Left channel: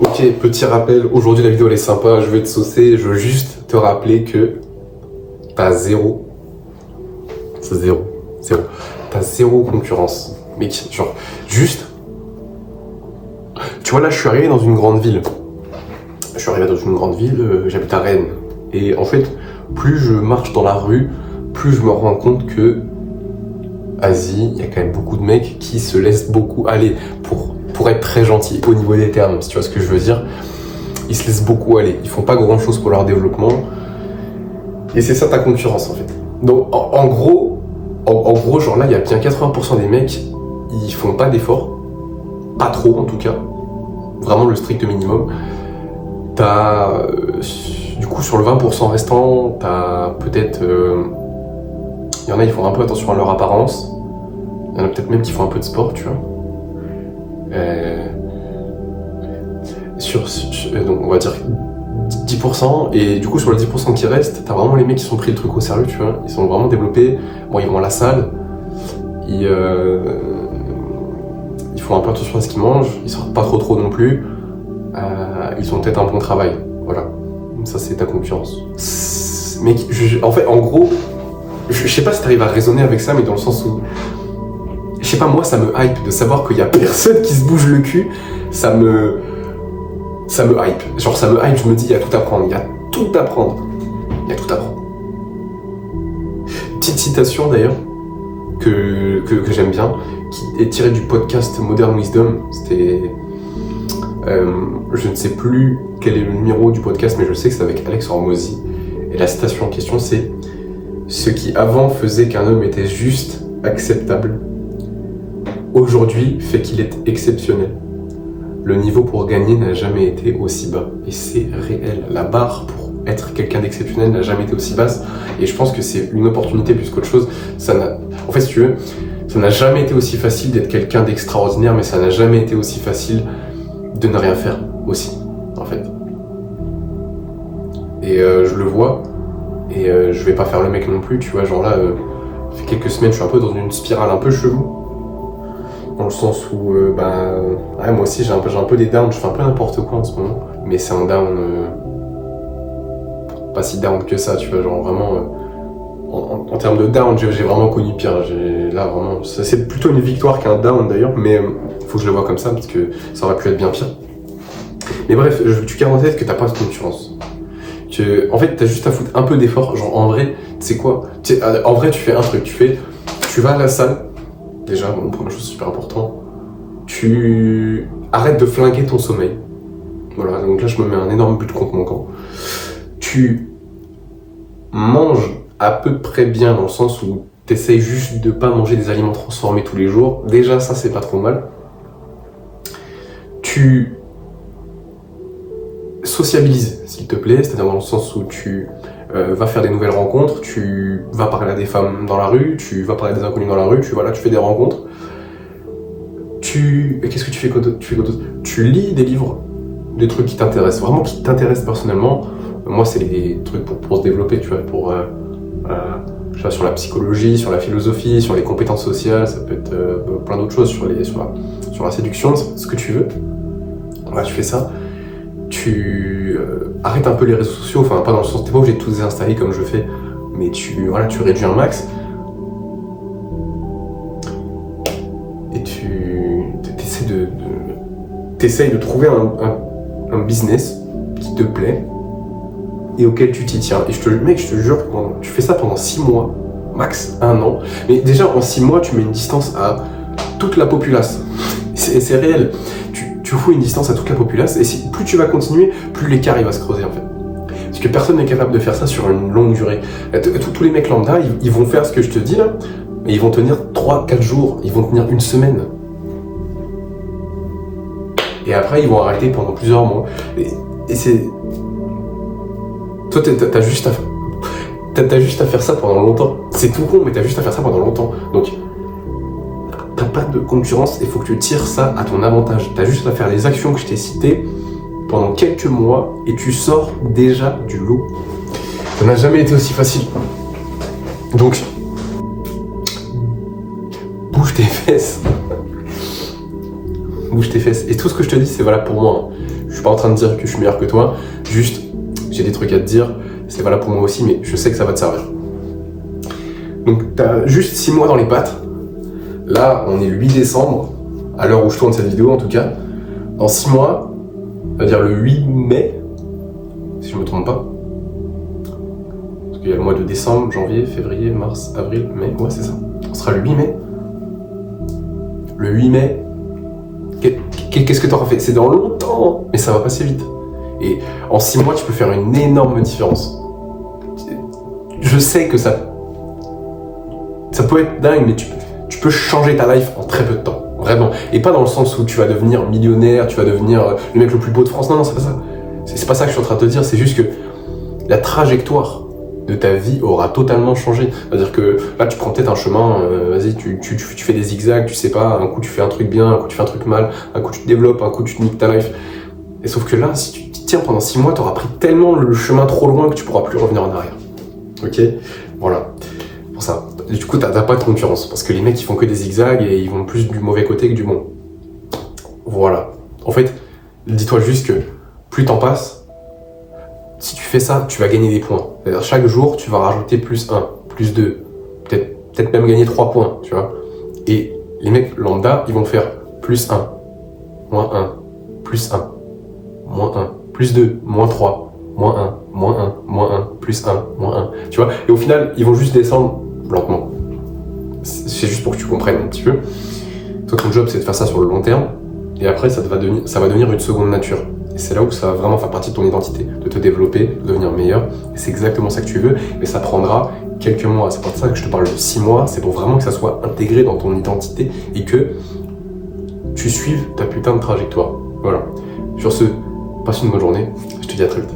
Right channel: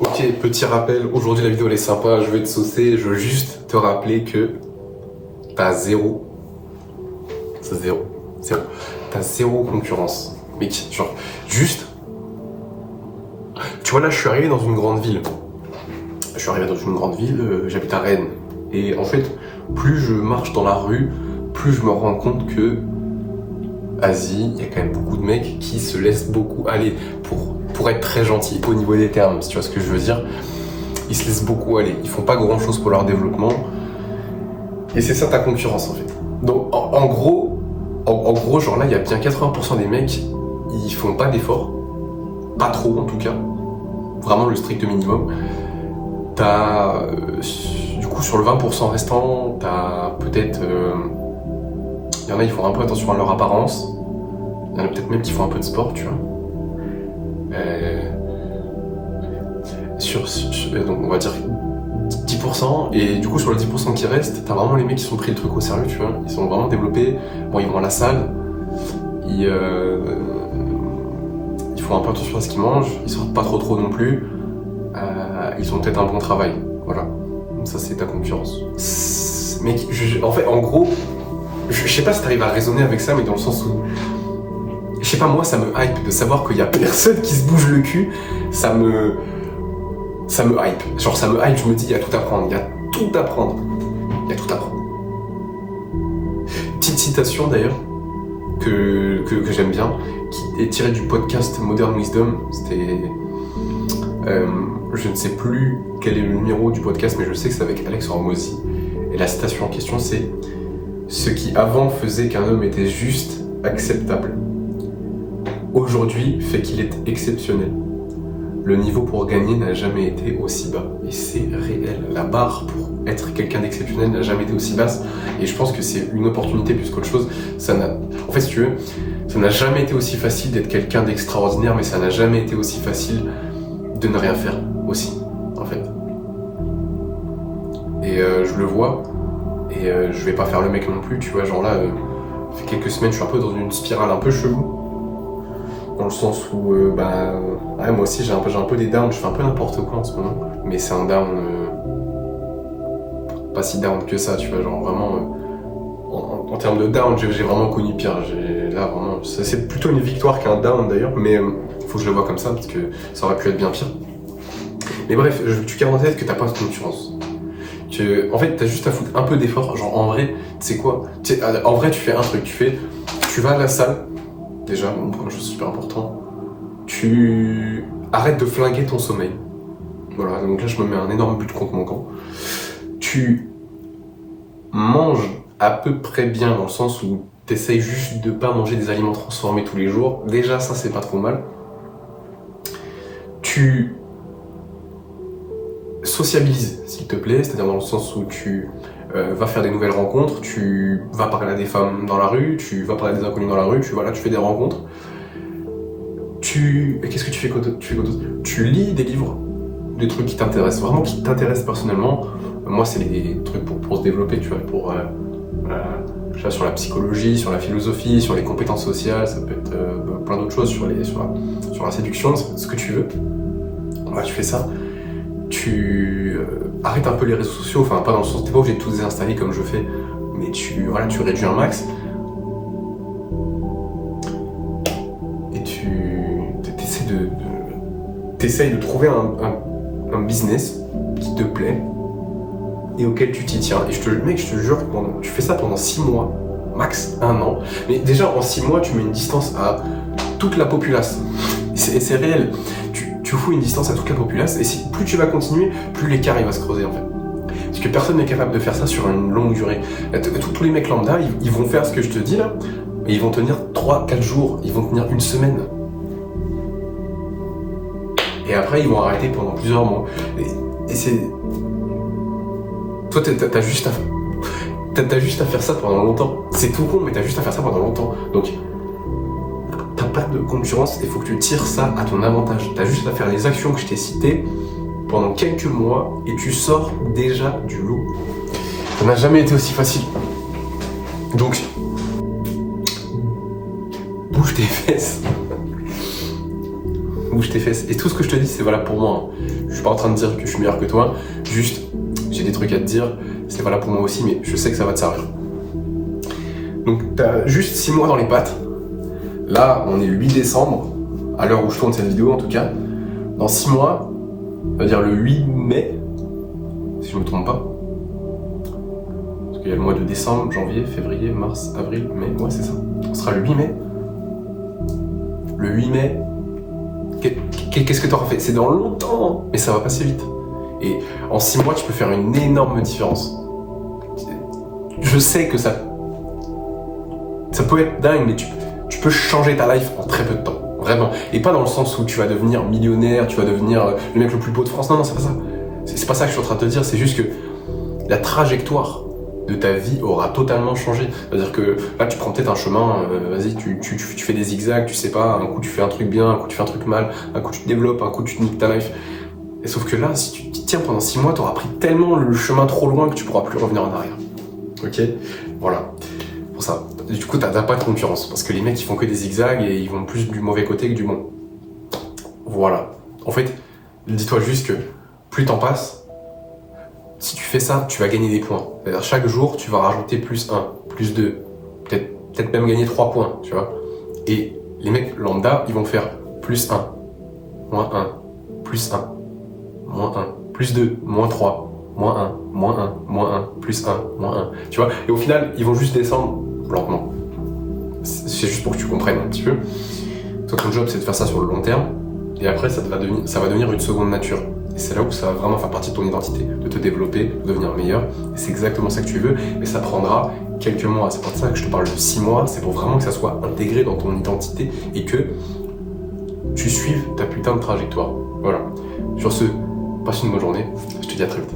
Ok, petit rappel, aujourd'hui la vidéo elle est sympa, je vais te saucer, je veux juste te rappeler que t'as zéro. T'as zéro concurrence. Mec, genre, juste. Tu vois là, je suis arrivé dans une grande ville. J'habite à Rennes. Et en fait, plus je marche dans la rue, plus je me rends compte que Asie, il y a quand même beaucoup de mecs qui se laissent beaucoup aller pour être très gentils au niveau des termes, si tu vois ce que je veux dire. Ils se laissent beaucoup aller, ils font pas grand chose pour leur développement. Et c'est ça ta concurrence en fait. Donc en gros, genre là, il y a bien 80% des mecs, ils font pas d'efforts. Pas trop en tout cas. Vraiment le strict minimum. T'as, du coup, sur le 20% restant, t'as peut-être... Il y en a, ils font un peu attention à leur apparence. Il y en a peut-être même qui font un peu de sport, tu vois. Donc on va dire 10%, et du coup sur le 10% qui reste, t'as vraiment les mecs qui sont pris le truc au sérieux, tu vois. Ils sont vraiment développés. Bon, ils vont à la salle. Ils font un peu attention à ce qu'ils mangent. Ils sortent pas trop non plus. Ils ont peut-être un bon travail. Voilà. Ça, c'est ta concurrence. Mec, en fait, en gros, je sais pas si t'arrives à raisonner avec ça, mais dans le sens où... Je sais pas, moi, ça me hype de savoir qu'il y a personne qui se bouge le cul. Ça me hype. Genre, ça me hype, je me dis, il y a tout à prendre. Petite citation, d'ailleurs, que j'aime bien, qui est tirée du podcast Modern Wisdom. C'était... je ne sais plus quel est le numéro du podcast, mais je sais que c'est avec Alex Hormozy. Et la citation en question, c'est « Ce qui avant faisait qu'un homme était juste acceptable, aujourd'hui fait qu'il est exceptionnel. Le niveau pour gagner n'a jamais été aussi bas. » Et c'est réel. La barre pour être quelqu'un d'exceptionnel n'a jamais été aussi basse. Et je pense que c'est une opportunité plus qu'autre chose. En fait, si tu veux, ça n'a jamais été aussi facile d'être quelqu'un d'extraordinaire, mais ça n'a jamais été aussi facile de ne rien faire aussi, en fait. Et je le vois, et je vais pas faire le mec non plus, tu vois, genre là, ça fait quelques semaines, je suis un peu dans une spirale un peu chelou, dans le sens où, ouais, moi aussi j'ai un peu des downs, je fais un peu n'importe quoi en ce moment, mais c'est un down, pas si down que ça, tu vois, genre vraiment, en termes de down, j'ai vraiment connu pire, là vraiment, c'est plutôt une victoire qu'un down d'ailleurs, mais faut que je le vois comme ça, parce que ça aurait pu être bien pire. Mais bref, tu gardes en tête que t'as pas de concurrence. En fait, t'as juste à foutre un peu d'effort. Genre, en vrai, tu sais quoi ? En vrai, tu fais un truc. Tu vas à la salle. Déjà, bon, première chose super important. Tu arrêtes de flinguer ton sommeil. Voilà, donc là, je me mets un énorme but contre mon camp. Tu manges à peu près bien, dans le sens où t'essayes juste de pas manger des aliments transformés tous les jours. Déjà, ça, c'est pas trop mal. Tu sociabilises, s'il te plaît, c'est-à-dire dans le sens où tu vas faire des nouvelles rencontres, tu vas parler à des femmes dans la rue, tu vas parler à des inconnus dans la rue, tu fais des rencontres. Qu'est-ce que tu fais d'autre ? Tu lis des livres, des trucs qui t'intéressent, vraiment qui t'intéressent personnellement. Moi, c'est des trucs pour se développer, tu vois, je sais, sur la psychologie, sur la philosophie, sur les compétences sociales, ça peut être plein d'autres choses, sur la séduction, ce que tu veux. Voilà, tu fais ça. Tu arrêtes un peu les réseaux sociaux, enfin pas dans le sens, t'es pas obligé de tout désinstaller comme je fais, mais tu réduis un max. Et t'essayes de trouver un business qui te plaît et auquel tu t'y tiens. Et je te jure, tu fais ça pendant 6 mois, max 1 an. Mais déjà en 6 mois, tu mets une distance à toute la populace. C'est réel. Tu fous une distance à toute la populace, et plus tu vas continuer, plus l'écart il va se creuser en fait. Parce que personne n'est capable de faire ça sur une longue durée. Tous les mecs lambda, ils vont faire ce que je te dis là, et ils vont tenir 3-4 jours, ils vont tenir 1 semaine. Et après, ils vont arrêter pendant plusieurs mois. Et c'est... Toi, t'as juste à faire ça pendant longtemps. C'est tout con, mais t'as juste à faire ça pendant longtemps. Donc, t'as pas de concurrence, il faut que tu tires ça à ton avantage. T'as juste à faire les actions que je t'ai citées pendant quelques mois et tu sors déjà du lot. Ça n'a jamais été aussi facile. Donc, bouge tes fesses. bouge tes fesses. Et tout ce que je te dis, c'est valable pour moi. Je suis pas en train de dire que je suis meilleur que toi, juste, j'ai des trucs à te dire, c'est valable pour moi aussi, mais je sais que ça va te servir. Donc, t'as juste 6 mois dans les pattes. Là, on est le 8 décembre, à l'heure où je tourne cette vidéo en tout cas. Dans 6 mois, on va dire le 8 mai, si je me trompe pas. Parce qu'il y a le mois de décembre, janvier, février, mars, avril, mai. Ouais, c'est ça. On sera le 8 mai. Le 8 mai, qu'est-ce que tu auras fait? C'est dans longtemps, mais ça va passer vite. Et en 6 mois, tu peux faire une énorme différence. Je sais que ça peut être dingue, mais tu peux changer ta life en très peu de temps. Vraiment. Et pas dans le sens où tu vas devenir millionnaire, tu vas devenir le mec le plus beau de France. Non, c'est pas ça. C'est pas ça que je suis en train de te dire. C'est juste que la trajectoire de ta vie aura totalement changé. C'est-à-dire que là, tu prends peut-être un chemin, vas-y, tu fais des zigzags, tu sais pas, un coup tu fais un truc bien, un coup tu fais un truc mal, un coup tu te développes, un coup tu te niques ta life. Et sauf que là, si tu t'y tiens pendant 6 mois, tu auras pris tellement le chemin trop loin que tu pourras plus revenir en arrière. Ok? Voilà. Pour ça. Et du coup, t'as pas de concurrence, parce que les mecs, ils font que des zigzags et ils vont plus du mauvais côté que du bon. Voilà. En fait, dis-toi juste que plus t'en passes, si tu fais ça, tu vas gagner des points. C'est-à-dire, chaque jour, tu vas rajouter plus 1, plus 2, peut-être même gagner 3 points, tu vois. Et les mecs lambda, ils vont faire plus 1, moins 1, plus 1, moins 1, plus 2, moins 3, moins 1, moins 1, moins 1, plus 1, moins 1, tu vois. Et au final, ils vont juste descendre lentement. C'est juste pour que tu comprennes un petit peu. Toi, ton job, c'est de faire ça sur le long terme. Et après, ça va devenir une seconde nature. Et c'est là où ça va vraiment faire partie de ton identité, de te développer, de devenir meilleur. Et c'est exactement ça que tu veux, mais ça prendra quelques mois. C'est pour ça que je te parle de 6 mois, c'est pour vraiment que ça soit intégré dans ton identité et que tu suives ta putain de trajectoire. Voilà. Sur ce, passe une bonne journée. Je te dis à très vite.